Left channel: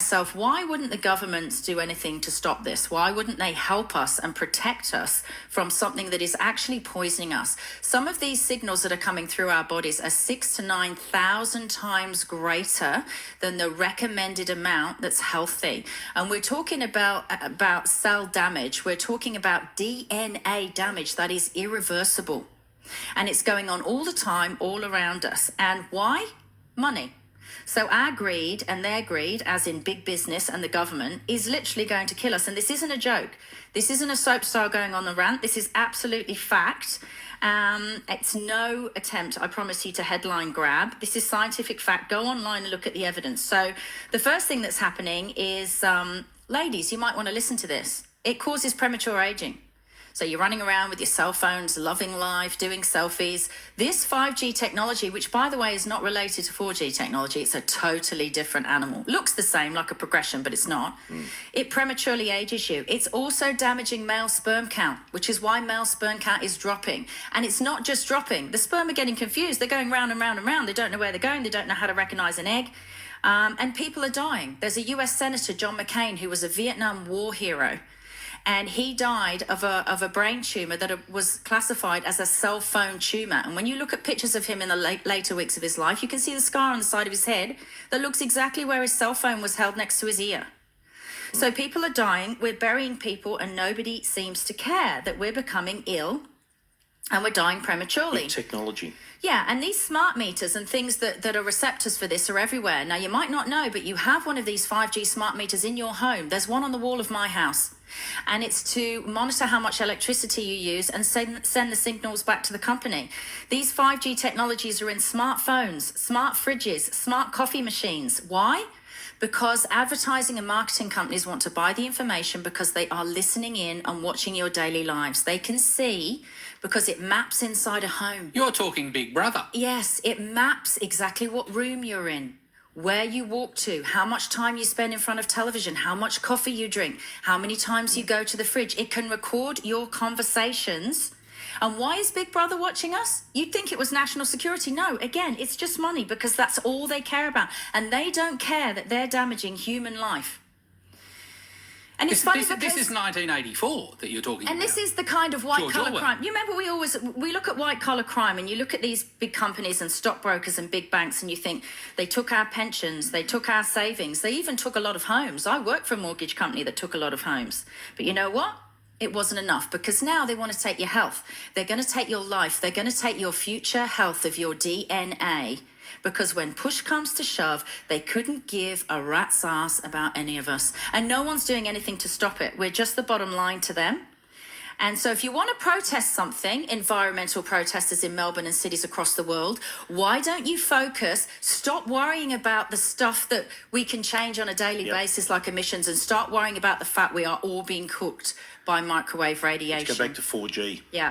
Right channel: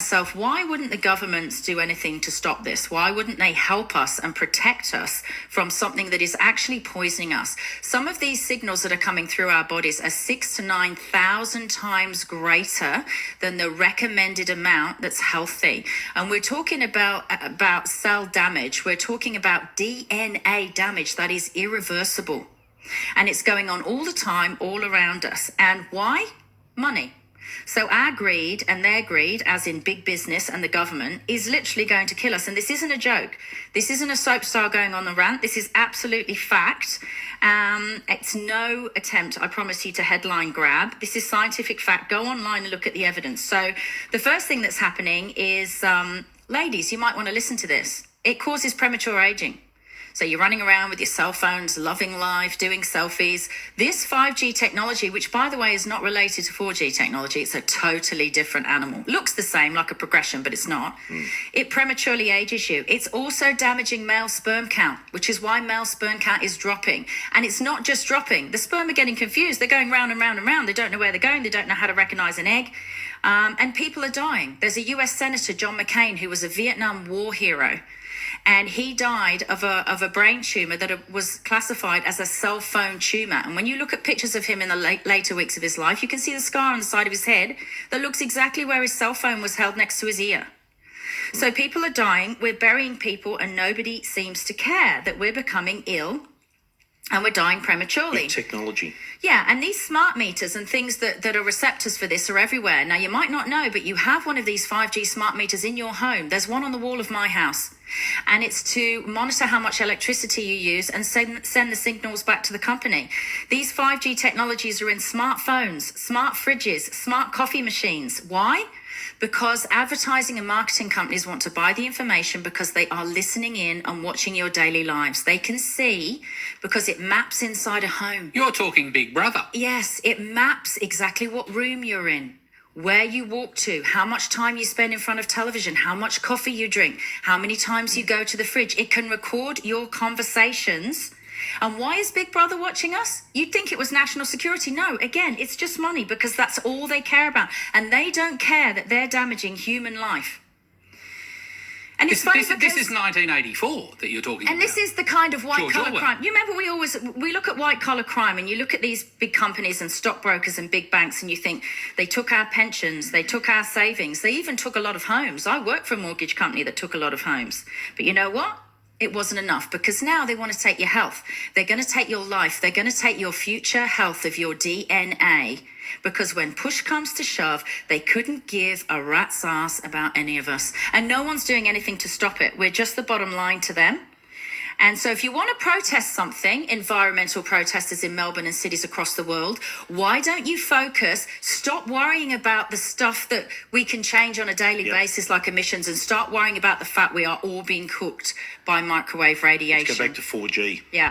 myself, why wouldn't the governments do anything to stop this? Why wouldn't they help us and protect us from something that is actually poisoning us? Some of these signals that are coming through our bodies are 6,000 to 9,000 times greater than the recommended amount that's healthy. And we're talking about cell damage. We're talking about DNA damage that is irreversible. And it's going on all the time, all around us. And why? Money. So our greed and their greed, as in big business and the government, is literally going to kill us. And this isn't a joke. This isn't a soap star going on the rant. This is absolutely fact. It's no attempt, I promise you, to headline grab. This is scientific fact. Go online and look at the evidence. So the first thing that's happening is, ladies, you might want to listen to this. It causes premature aging. So you're running around with your cell phones, loving life, doing selfies. This 5G technology, which by the way is not related to 4G technology, it's a totally different animal. Looks the same, like a progression, but it's not. It prematurely ages you. It's also damaging male sperm count, which is why male sperm count is dropping. And it's not just dropping. The sperm are getting confused. They're going round and round and round. They don't know where they're going. They don't know how to recognize an egg. And people are dying. There's a US Senator, John McCain, who was a Vietnam War hero. And he died of a brain tumor that was classified as a cell phone tumor. And when you look at pictures of him in the later weeks of his life, you can see the scar on the side of his head that looks exactly where his cell phone was held next to his ear. So people are dying, we're burying people, and nobody seems to care that we're becoming ill and we're dying prematurely. Technology. Yeah, and these smart meters and things that are receptors for this are everywhere. Now, you might not know, but you have one of these 5G smart meters in your home. There's one on the wall of my house. And it's to monitor how much electricity you use and send the signals back to the company. These 5G technologies are in smartphones, smart fridges, smart coffee machines. Why? Because advertising and marketing companies want to buy the information because they are listening in and watching your daily lives. They can see because it maps inside a home. You're talking Big Brother. Yes, it maps exactly what room you're in, where you walk to, how much time you spend in front of television, how much coffee you drink, how many times you go to the fridge. It can record your conversations. And why is Big Brother watching us? You'd think it was national security. No, again, it's just money because that's all they care about. And they don't care that they're damaging human life. And it's funny this is 1984 that you're talking about. And this is the kind of white George collar Orwell. crime. You remember we look at white collar crime and you look at these big companies and stockbrokers and big banks and you think they took our pensions, they took our savings, they even took a lot of homes. I worked for a mortgage company that took a lot of homes. But you know what? It wasn't enough because now they want to take your health. They're going to take your life. They're going to take your future health of your DNA because when push comes to shove, they couldn't give a rat's ass about any of us. And no one's doing anything to stop it. We're just the bottom line to them. And so if you want to protest something, environmental protesters in Melbourne and cities across the world, why don't you focus, stop worrying about the stuff that we can change on a daily basis like emissions and start worrying about the fact we are all being cooked by microwave radiation. Let's go back to 4G. Yeah.